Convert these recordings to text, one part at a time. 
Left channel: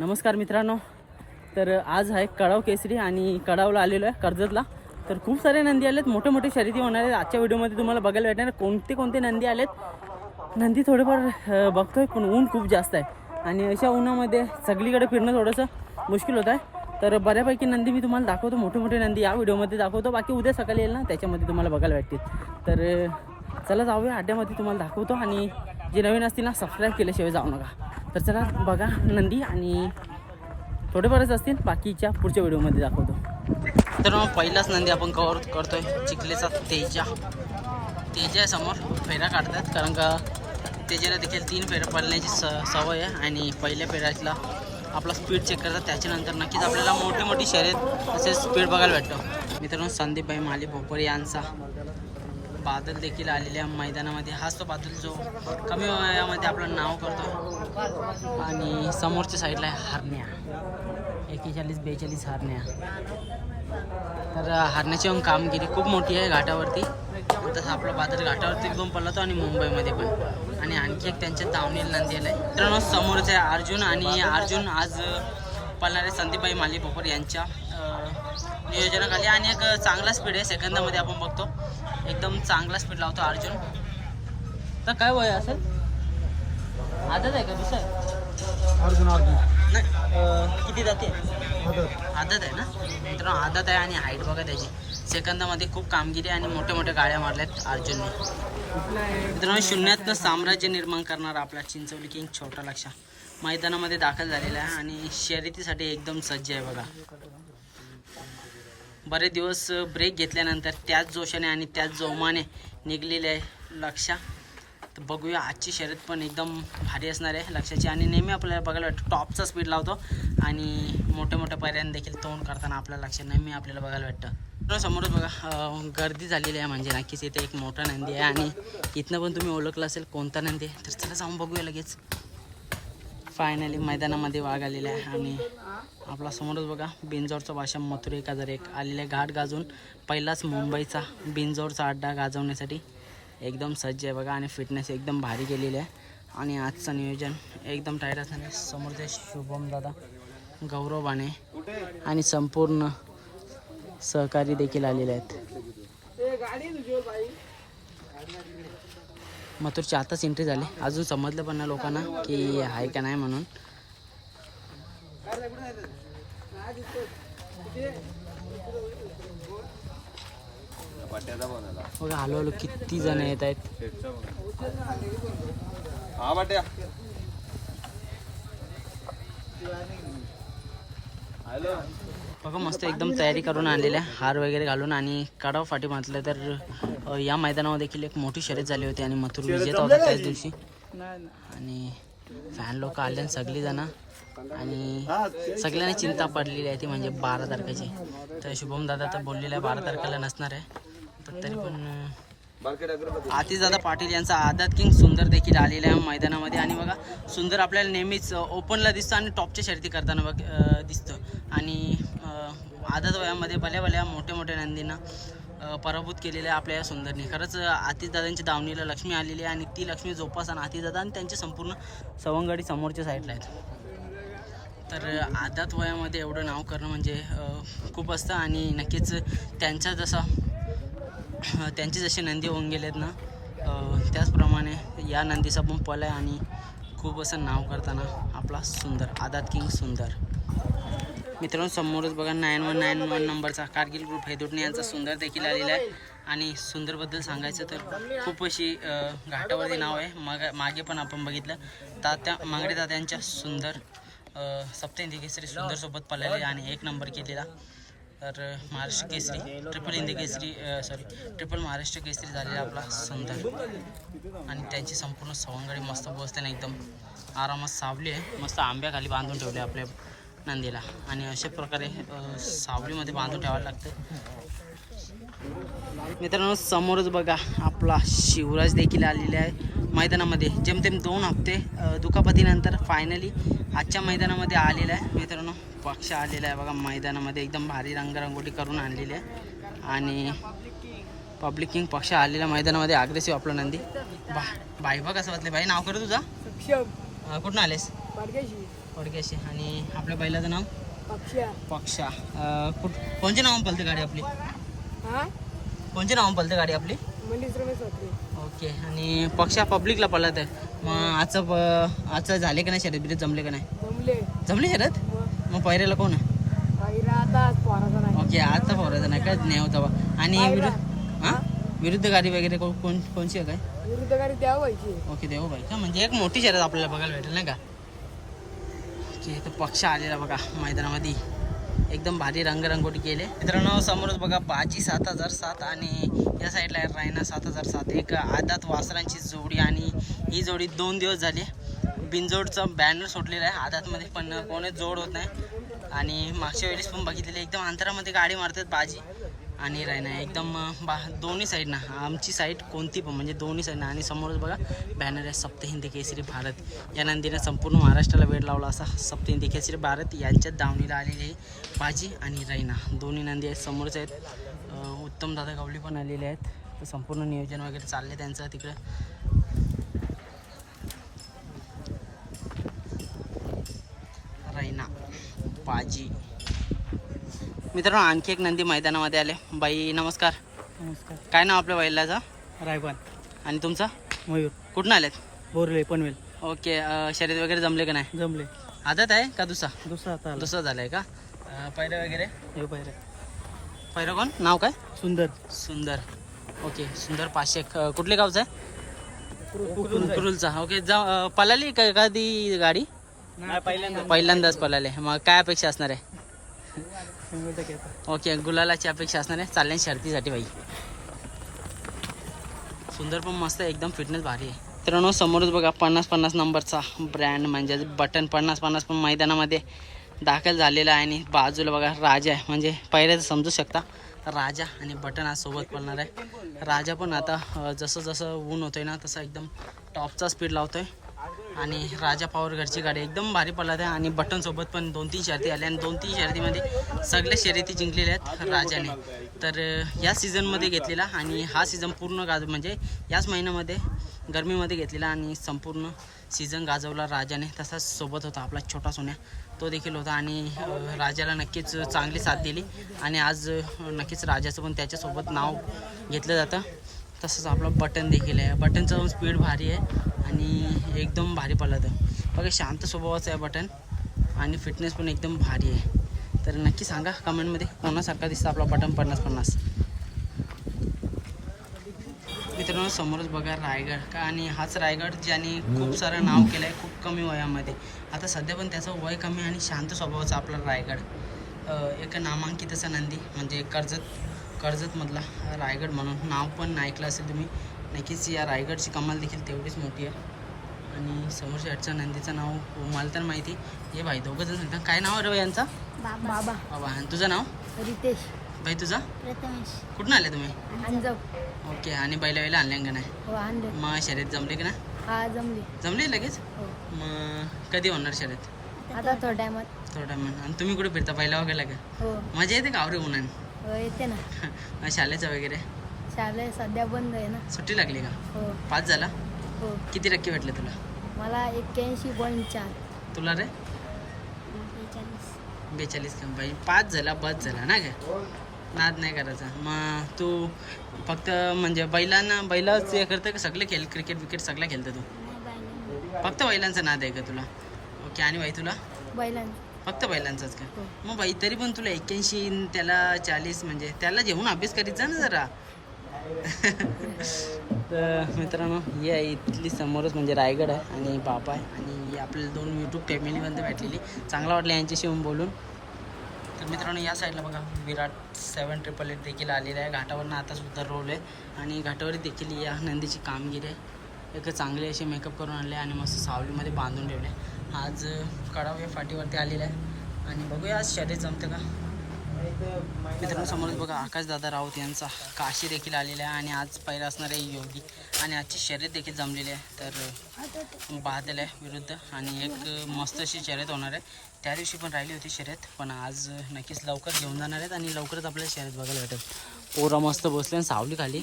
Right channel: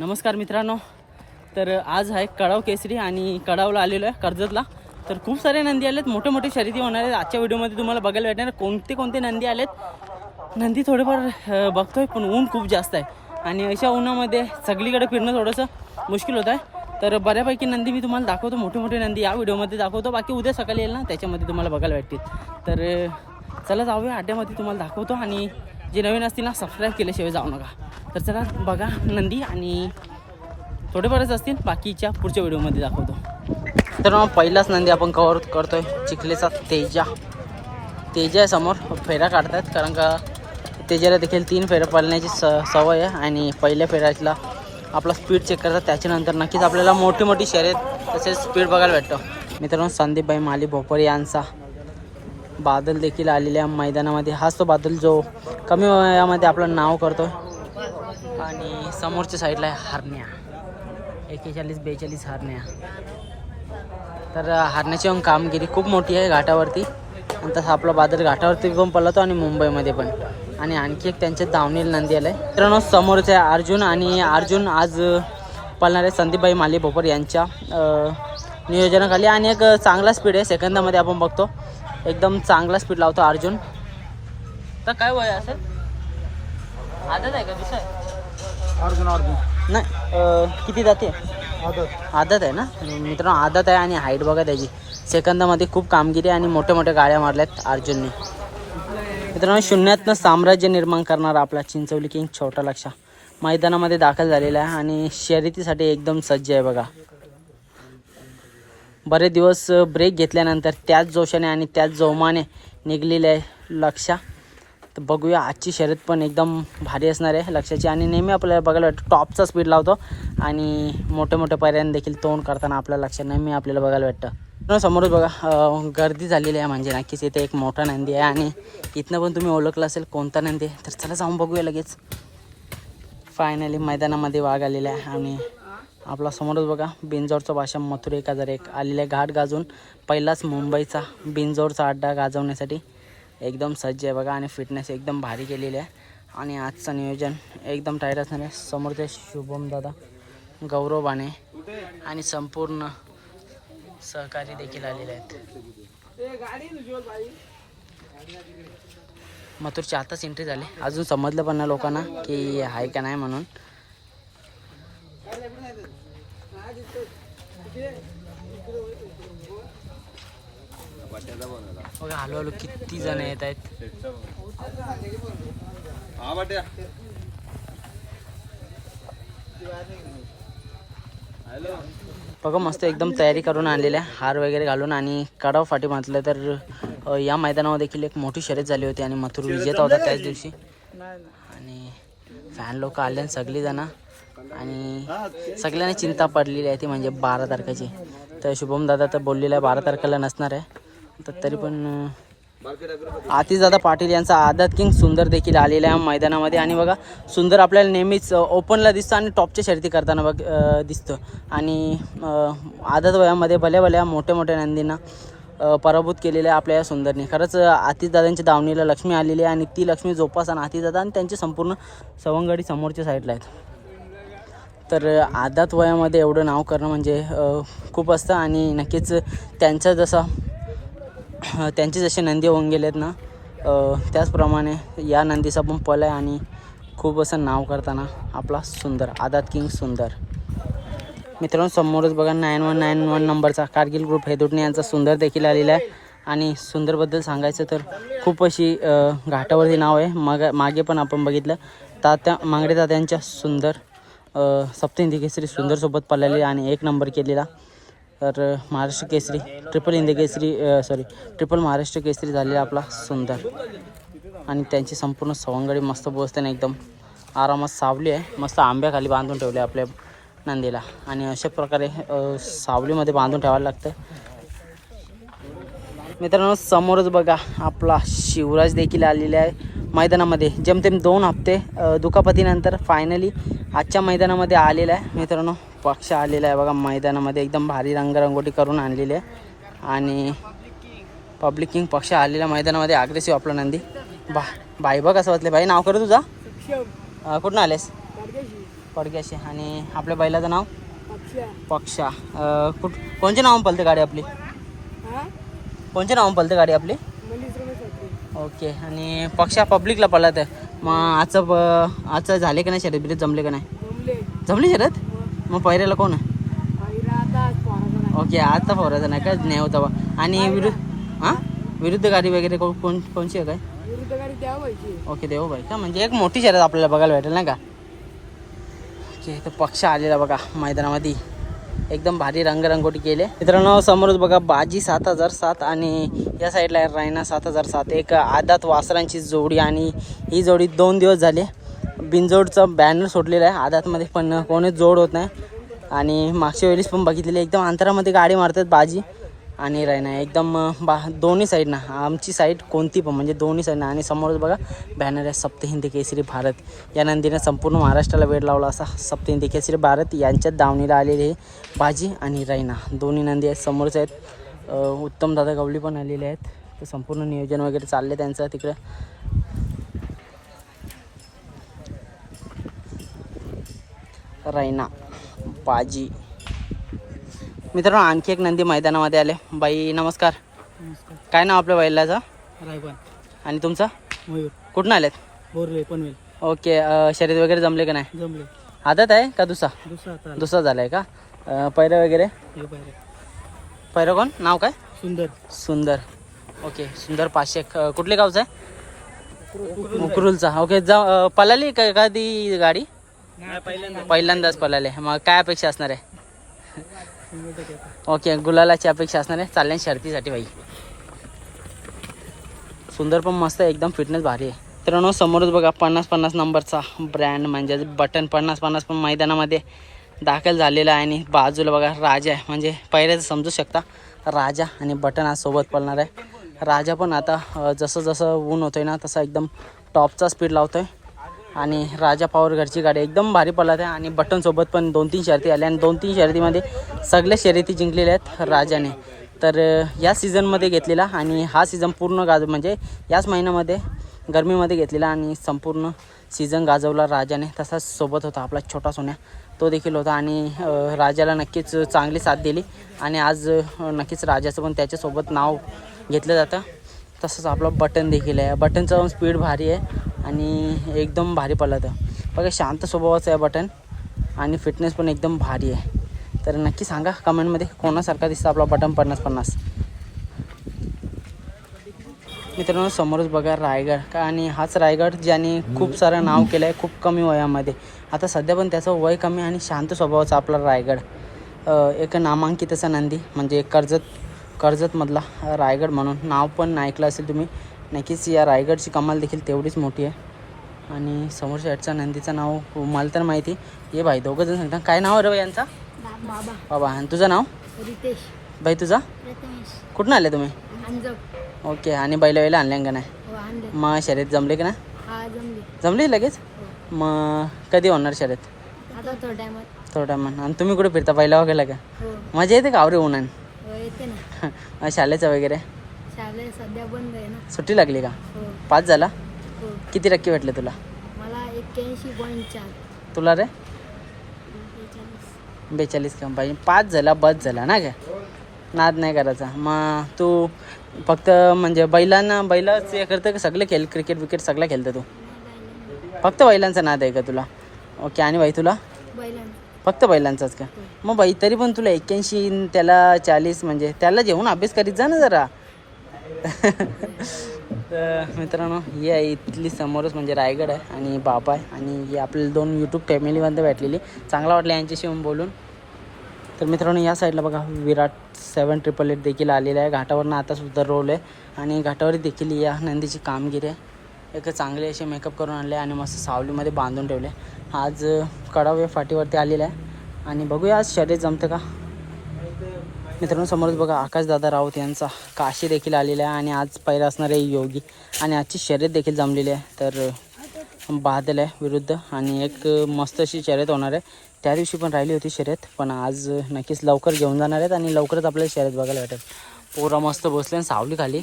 नमस्कार मित्रांनो. तर आज आहे कडाव केसरी आणि कडावला आलेलो आहे कर्जतला. तर खूप सारे नंदी आलेत. मोठे मोठे शर्यती होणार आहेत. आजच्या व्हिडिओमध्ये तुम्हाला बघायला भेटणार कोणते कोणते नंदी आलेत. नंदी थोडेफार बघतोय पण ऊन खूप जास्त आहे. आणि अशा उन्हामध्ये सगळीकडे फिरणं थोडंसं मुश्किल होत आहे. तर बऱ्यापैकी नंदी मी तुम्हाला दाखवतो. मोठे मोठे नंदी या व्हिडिओमध्ये दाखवतो. बाकी उद्या सकाळी येईल ना त्याच्यामध्ये तुम्हाला बघायला भेटतील. तर चला जाऊया. अड्ड्यामध्ये तुम्हाला दाखवतो आणि जे नवीन असतील ना सबस्क्राईब केल्याशिवाय जाऊ नका. तर चला बघा नंदी आणि थोडेफारच असतील बाकीच्या पुढच्या व्हिडिओमध्ये दाखवतो. तर मग पहिलाच नंदी आपण कवर करतोय चिखलेचा तेजा. तेजा समोर फेऱ्या काढतात कारण का तेजाला देखील तीन फेऱ्या पळण्याची स सवय आहे आणि पहिल्या फेऱ्यातला आपला स्पीड चेक करतात त्याच्यानंतर नक्कीच आपल्याला मोठी मोठी शर्यत तसेच स्पीड बघायला भेटतं. मित्रांनो संदीपभाई माली भोपर यांचा बादल देखील आलेल्या मैदानामध्ये. हाच तो बादल जो कमी वयामध्ये आपलं नाव करतो आणि समोरच्या साईडला आहे हारण्या. एकेचाळीस बेचाळीस हारण्या. तर हारण्याची पण कामगिरी खूप मोठी आहे घाटावरती. आणि तसं आपला बादल घाटावरती पण पळतो आणि मुंबईमध्ये पण. आणि आणखी एक त्यांच्या दावणील नंदी आलं आहे मित्रांनो समोरचे आहे अर्जुन आणि अर्जुन आज पळणारे संदीपबाई माली भोपर यांच्या नियोजनाखाली. आणि एक चांगला स्पीड आहे सेकंदामध्ये आपण बघतो. एकदम चांगला स्पीड लावतो अर्जुन. तर काय वय असेल? आदत आहे का दुसरं आहे अर्जुन अर्जुन. नाही किती जाते आदत. आदत आहे ना? मित्रांनो आदत आहे आणि हाईट बघा त्याची. सेकंदामध्ये खूप कामगिरी आणि मोठ्या मोठ्या गाड्या मारल्यात अर्जुनने. मित्रांनो शून्यातनं साम्राज्य निर्माण करणारा आपला चिंचवली किंग छोटा लक्षा मैदानामध्ये दाखल झालेला आहे आणि शर्यतीसाठी एकदम सज्ज आहे बघा. बरे दिवस ब्रेक घेतल्यानंतर त्याच जोशाने आणि त्याच जोमाने निघलेले आहे लक्षा. तर बघूया आजची शर्यत पण एकदम भारी असणार आहे लक्षाची. आणि नेहमी आपल्याला बघायला वाटतं टॉपचा स्पीड लावतो. आणि मोठे मोठे पर्याय देखील तोंड करताना आपल्या लक्ष नेहमी आपल्याला बघायला वाटतं समोरच बघा गर्दी झालेली आहे म्हणजे नक्कीच इथे एक मोठा नंदी आहे. आणि इथनं पण तुम्ही ओळखलं असेल कोणता नंदी आहे? तर चला जाऊन बघूया लगेच. फायनली मैदानामध्ये वाघ आलेला आहे. आणि आपला समोरच बघा बिंजोरचा भाषा मथुर एक हजार एक आलेले आहे घाट गाजून पहिलाच मुंबईचा बिंजोरचा अड्डा गाजवण्यासाठी एकदम सज्ज आहे बघा आणि फिटनेस एकदम भारी केलेली आहे. आणि आजचं नियोजन एकदम टाईट असणार आहे. समोरचे शुभम दादा गौरव बाणे आणि संपूर्ण सहकारी देखील आलेले आहेत. मथुरची आताच एंट्री झाली. अजून समजलं पण लोकांना की आहे का नाही म्हणून. बघा हळूहळू किती जण येत आहेत. हा बाट्या हॅलो. बघा मस्त एकदम तयारी करून आलेल्या हार वगैरे घालून आणि कडाव फाटी म्हटलं तर या मैदानावर देखील एक मोठी शर्यत झाली होती आणि मथुर विजेता होता त्याच दिवशी. आणि फॅन लोक आले आणि सगळी जण आणि सगळ्यांना चिंता पडलेली आहे ती म्हणजे बारा तारखेची. तर शुभम दादा तर बोललेला आहे बारा तारखेला नसणार आहे. तर तरी पण अ, आतिशदादा पाटील यांचा आदत किंग सुंदर देखील आलेला आहे मैदानामध्ये. आणि बघा सुंदर आपल्याला नेहमीच ओपनला दिसतं आणि टॉपच्या शर्ती करताना बघ दिसतं. आणि आदत वयामध्ये भल्या भल्या मोठ्या मोठ्या नंदींना पराभूत केलेल्या आहे आपल्या या सुंदरने. खरंच आतिशदादांच्या दावणीला लक्ष्मी आलेली आहे आणि ती लक्ष्मी जोपासना आतिशदादा आणि त्यांची संपूर्ण सवंगडी समोरच्या साईडला आहेत. तर आदात वयामध्ये एवढं नाव करणं म्हणजे खूप असतं आणि नक्कीच त्यांचा जसा त्यांचे जसे नंदी होऊन गेलेत ना त्याचप्रमाणे या नंदीचा पण पल आहे आणि खूप असं नाव करताना आपला सुंदर आदात किंग सुंदर. मित्रांनो समोरच बघा नाईन वन नाईन वन नंबरचा कारगिल ग्रुप हेदुटणे यांचा सुंदर देखील आलेला आहे. आणि सुंदरबद्दल सांगायचं तर खूप अशी घाटावरती नाव आहे. मग मागे पण आपण बघितलं. तात्या मांगडे तात्यांच्या सुंदर सप्त केसरी सुंदरसोबत पळालेली आणि एक नंबर केलेला. तर Maharashtra Kesari triple Hindi Kesari sorry triple Maharashtra Kesari झालेला आपला सुंदर. आणि त्यांची संपूर्ण सवंगडी मस्त बोसताना एकदम आरामात सावली आहे. मस्त आंब्याखाली बांधून ठेवले आपल्या नंदीला. आणि अशा प्रकारे सावलीमध्ये बांधून ठेवायला लागतं मित्रांनो समोरच बघा आपला शिवराज देखील आलेला आहे. मैदानामध्ये जेमतेम दोन हप्ते दुखापतीनंतर फायनली आजच्या मैदानामध्ये आलेला आहे. मित्रांनो पक्ष आलेला आहे बघा मैदानामध्ये एकदम भारी रंगरंगोटी करून आणलेली आहे. आणि पब्लिक किंग पक्ष आलेल्या मैदानामध्ये अग्रेसिव्ह आपला नंदी. बा बाई बा कसं वाटले भाई नाव कर तुझा. कुठून आलेस? पडक्याशी आणि आपल्या बैलाचं नाव? पक्षा. कुठ कोणच्या नावानं पलते गाडी आपली? हा? कोणच्या नावानं पलते गाडी आपली? ओके आणि पक्षा पब्लिकला आहे मग आजचं प- आजचं झाले का नाही शर्यत बिरत जमले का नाही? जमले. जमली शर्यत? मग पहिऱ्याला कोण आहे? ओके आता फोरायचं नाही का? नाही होता बा. आणि विरुद्ध हां? विरुद्ध गाडी वगैरे कोण कोण कोणची आहे काय? विरुद्ध गाडी व्हायची ओके देऊ भाई का म्हणजे एक मोठी शर्यत आपल्याला बघायला भेटेल नाही का? ओके तर पक्ष आलेला बघा मैदानामध्ये. एकदम भारी रंगरंगोटी केले मित्रांनो समोरच बघा बाजी सात हजार सात आणि या साईडला आहे रायना सात हजार सात. एक आदात वासरांची जोडी आणि ही जोडी दोन दिवस झाले. बिनजोडचं बॅनर सोडलेलं आहे. आदातमध्ये पण कोणीच जोड होत नाही. आणि मागच्या वेळेस पण बघितलेली एकदम अंतरामध्ये गाडी मारतात बाजी. आणि रायना एकदम बा दोन्ही साईडनं आमची साईड कोणती पण म्हणजे दोन्ही साईडनं आणि समोरच बघा बॅनर आहे सप्त हिंदी केसरी भारत. या नंदीनं संपूर्ण महाराष्ट्राला वेळ लावला असा सप्त हिंदी केसरी भारत. यांच्यात दावणीला आलेली आहे बाजी आणि रायना दोन्ही नंदी आहेत समोरच आहेत. उत्तम दादा गवली पण आलेले आहेत. संपूर्ण नियोजन वगैरे चालले त्यांचं तिकडं. रायना बाजी मित्रांनो आणखी एक नंदी मैदानामध्ये आले. बाई नमस्कार. नमस्कार. काय नाव आपल्या बैलाचं रायबान आणि तुमचं? मयूर. कुठून आलेत? बोरले पनवेल. ओके अं, शर्यत वगैरे जमले का नाही? जमले. आदत आहे का दुसरा? दुसरा आता दुसरा झाला आहे का? अं, पैरं वगैरे? हे पाहिजे कोण? नाव काय? सुंदर. सुंदर. ओके सुंदर पाचशे कुठले गावचं आहे? उकरुलचा ओके जा अं, पळाली का एखादी गाडी? पहिल्यांदा पहिल्यांदाच. पळाली मग काय अपेक्षा असणार आहे? ओके गुलालाची अपेक्षा असणार आहे. चालल्या शर्तीसाठी बाई. सुंदर पण मस्त आहे एकदम फिटनेस भारी आहे. मित्रांनो समोरच बघा पन्नास पन्नास नंबरचा ब्रँड म्हणजे बटन पन्नास पन्नास पण मैदानामध्ये दाखल झालेला आहे आणि बाजूला बघा राजा आहे. म्हणजे पहिले समजू शकता राजा आणि बटन आज सोबत पळणार आहे. राजा पण आता जसं जसं ऊन होतंय ना तसं एकदम टॉपचा स्पीड लावतोय. आणि राजा पॉवर घरची गाडी एकदम भारी पळत आहे आणि बटन सोबत पण दोन तीन शर्ती आल्या आणि दोन तीन शर्यतीमध्ये सगळ्या शर्यती जिंकलेल्या आहेत राजाने. तर या सीझनमध्ये घेतलेला आणि हा सीझन पूर्ण गाज म्हणजे याच महिन्यामध्ये गरमीमध्ये घेतलेला आणि संपूर्ण सीझन गाजवला राजाने. तसाच सोबत होता आपला छोटा सोन्या. तो देखील होता आणि राजाला नक्कीच चांगली साथ दिली. आणि आज नक्कीच राजाचं पण त्याच्यासोबत नाव घेतलं जातं. तसंच आपलं बटन देखील आहे. बटनचा पण स्पीड भारी आहे आणि एकदम भारी पळतं बघा शांत स्वभावाचं आहे बटन आणि फिटनेस पण एकदम भारी आहे. तर नक्की सांगा कमेंटमध्ये कोणासारखा दिसतं आपला बटन पन्नास पन्नास? मित्रांनो समोरच बघा रायगड. का आणि हाच रायगड ज्याने खूप सारं नाव केलं आहे खूप कमी वयामध्ये. आता सध्या पण त्याचं वय कमी आणि शांत स्वभावाचा आपला रायगड. एक नामांकित असा नंदी म्हणजे कर्जत कर्जतमधला रायगड म्हणून. नाव पण ऐकलं असेल तुम्ही. नक्कीच या रायगडची कमाल देखील तेवढीच मोठी आहे. आणि समोर साईडचं नंदीचं नाव मला तर माहिती. ये भाई दोघं जण सांगता. काय नाव आहे रे यांचा? बाबा. बाबा. आणि तुझं नाव? रितेश. भाई तुझा? कुठून आले तुम्ही? ओके. आणि बैला वेळेला आणल्या का नाही? हो आणले. मग शर्यत जमले का ना हा जमली. जमली लगेच? हो. मग कधी होणार शर्यत आता थोड्या टायमात. आणि तुम्ही कुठे फिरता? पहिला वगैरे का? हो. मजा येते का? आवरे उन्हान? येते ना. शाळेचं वगैरे? शाळे सध्या बंद आहे ना. सुट्टी लागली का? हो. पाच झाला? हो. किती टक्के भेटले तुला? मला एक्क्याऐंशी पॉईंट चार. तुला रे? बेचाळीस. का? पाहिजे पाच झाला बस झाला ना का नाद नाही करायचा. मग तू फक्त म्हणजे बैलांना बैलाच हे करतं का? सगळे खेळ क्रिकेट विकेट सगळं खेळतं तू? फक्त बैलांचा नाद आहे का तुला? ओके आणि बाई तुला? बैलांना फक्त बैलांचाच का? मग बाई तरी पण तुला एक्क्याऐंशी त्याला चाळीस म्हणजे त्याला जेवून अभ्यास करीत जा ना जरा. तर मित्रांनो ही आहे इथली समोरच म्हणजे रायगड आहे आणि बाबा आहे आणि ही आपल्याला दोन यूट्यूब फॅमिलीमध्ये भेटलेली. चांगला वाटलं यांच्याशी येऊन बोलून. तर मित्रांनो या साईडला बघा विराट सेवन ट्रिपल एट देखील आलेला आहे. घाटावरनं आता सुद्धा रोल आहे आणि घाटावर देखील या नंदीची कामगिरी आहे. एक चांगले असे मेकअप करून आणले आणि मस्त सावलीमध्ये बांधून ठेवले. आज कडावे फाटीवरती आलेला आहे. आणि बघूया आज शर्यत जमतं का? मित्रांनो समोरच बघा आकाशदादा राऊत यांचा काशी देखील आलेला आहे आणि आज पहिला असणार आहे योगी. आणि आजची शर्यत देखील जमलेली आहे. तर बादल आहे विरुद्ध आणि एक मस्त अशी शर्यत होणार आहे. त्या दिवशी पण राहिली होती शर्यत पण आज नक्कीच लवकर घेऊन जाणार आहेत आणि लवकरच आपल्याला शर्यत बघायला भेटेल. पोरं मस्त बसले आणि सावली खाली.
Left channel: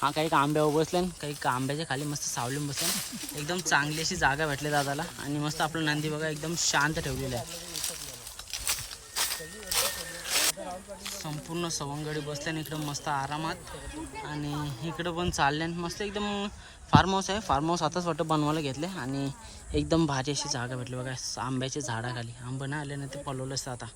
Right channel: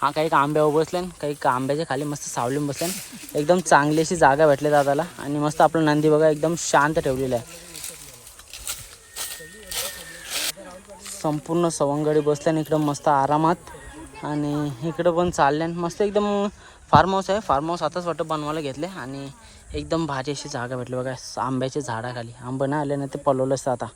हा काही का आंब्यावर बसले काही का आंब्याच्या खाली मस्त सावलीन बसले एकदम चांगली अशी जागा भेटली दादाला. आणि मस्त आपलं नंदी बघा एकदम शांत ठेवलेलं आहे. संपूर्ण सवंगडी बसल्याने इकडं मस्त आरामात. आणि इकडं पण चालल्यान मस्त एकदम फार्म हाऊस आहे. फार्म हाऊस आताच वाटतं बनवायला घेतले. आणि एकदम भारी अशी जागा भेटली बघा आंब्याच्या झाडाखाली. आंबं नाही आले ना ते पलवलं असतं आता.